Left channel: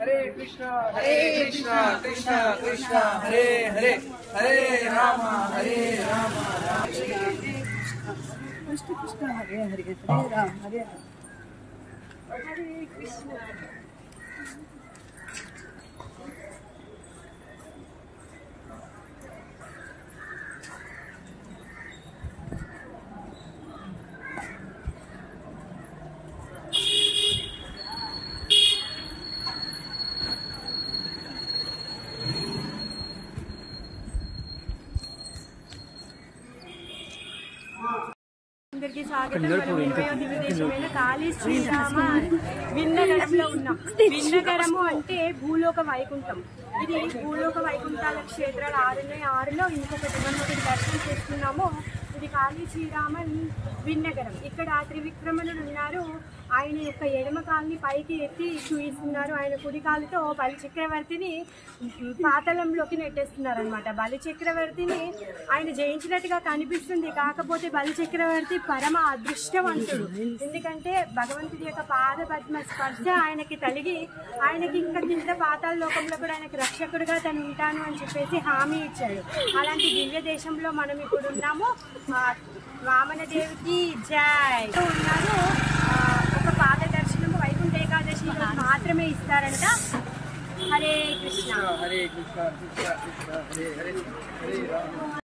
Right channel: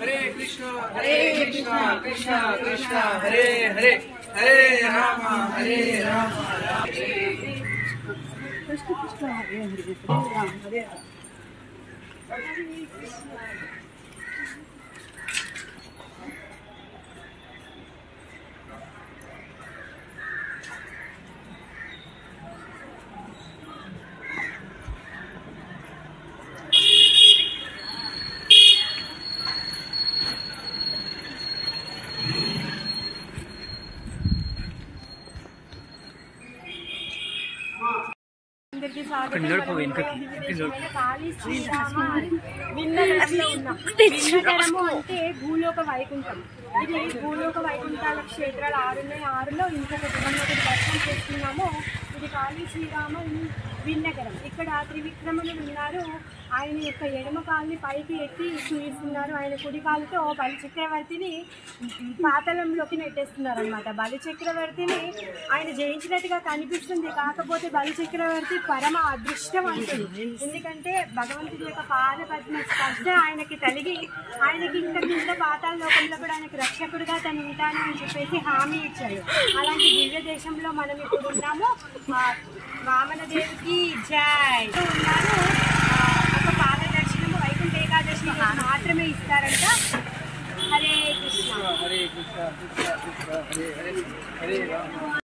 हरे कृष्णा कृष्णा कृष्णा हरे हरे हरे राम कृष्ण कृष्ण हरे हरे हरे राम हरे राम हरे कृष्ण। అందరికీ స్వాగతం। కాళీ శ్రీరామ విన్నగరంలో ఉన్నాం। విన్నగరము అంటే భూలోక వైకుంఠం। ఇది భూలోక వైకుంఠాల క్షేత్రాలు 6 ఉన్నాయి। 6లో ఇంకొకటి మనం ఒకటి దర్శనం చేస్తున్నాము। ఇది కాళీ శ్రీరామ విన్నగరం। ఇక్కడ త్రివిక్రమణుడు ఉన్నారు। ఆయన యొక్క ఎడమ కాలుని పైకి ఎత్తి చూపిస్తున్నారు। ఆయన కుడి కాలుతో బలి చక్రవర్తిని పాతాళంలోకి నెట్టేస్తున్నారు అనమాట। బలి చక్రవర్తిని ఆయన జయించినట్టుగా కనిపిస్తుంది। కాకపోతే బలి చక్రవర్తి పరమ అదృష్టవంతుడు। ఎందుకంటే భగవంతుడి యొక్క పాద పద్మ స్పర్శ ఆయనకి తలిగి ఆయనకి ఇంకా కింద పాతాళ లోకంలో కూడా ఆయనకు రక్షకుడిగా తను ఉంటాను అని చెప్పేసి హామీ ఇచ్చాడు। అలాంటి దివ్య దేశంలో మనం ఇప్పుడు ఉన్నాము। వామనదేవికి జై ఉన్నారు। ఒక పాద దర్శనము వైకుంఠ ఏకాదశి మాత్రమే ఇస్తారంట। హరే కృష్ణ हरे कृष्णा कृष्णा कृष्णा हरे हरे हरे राम।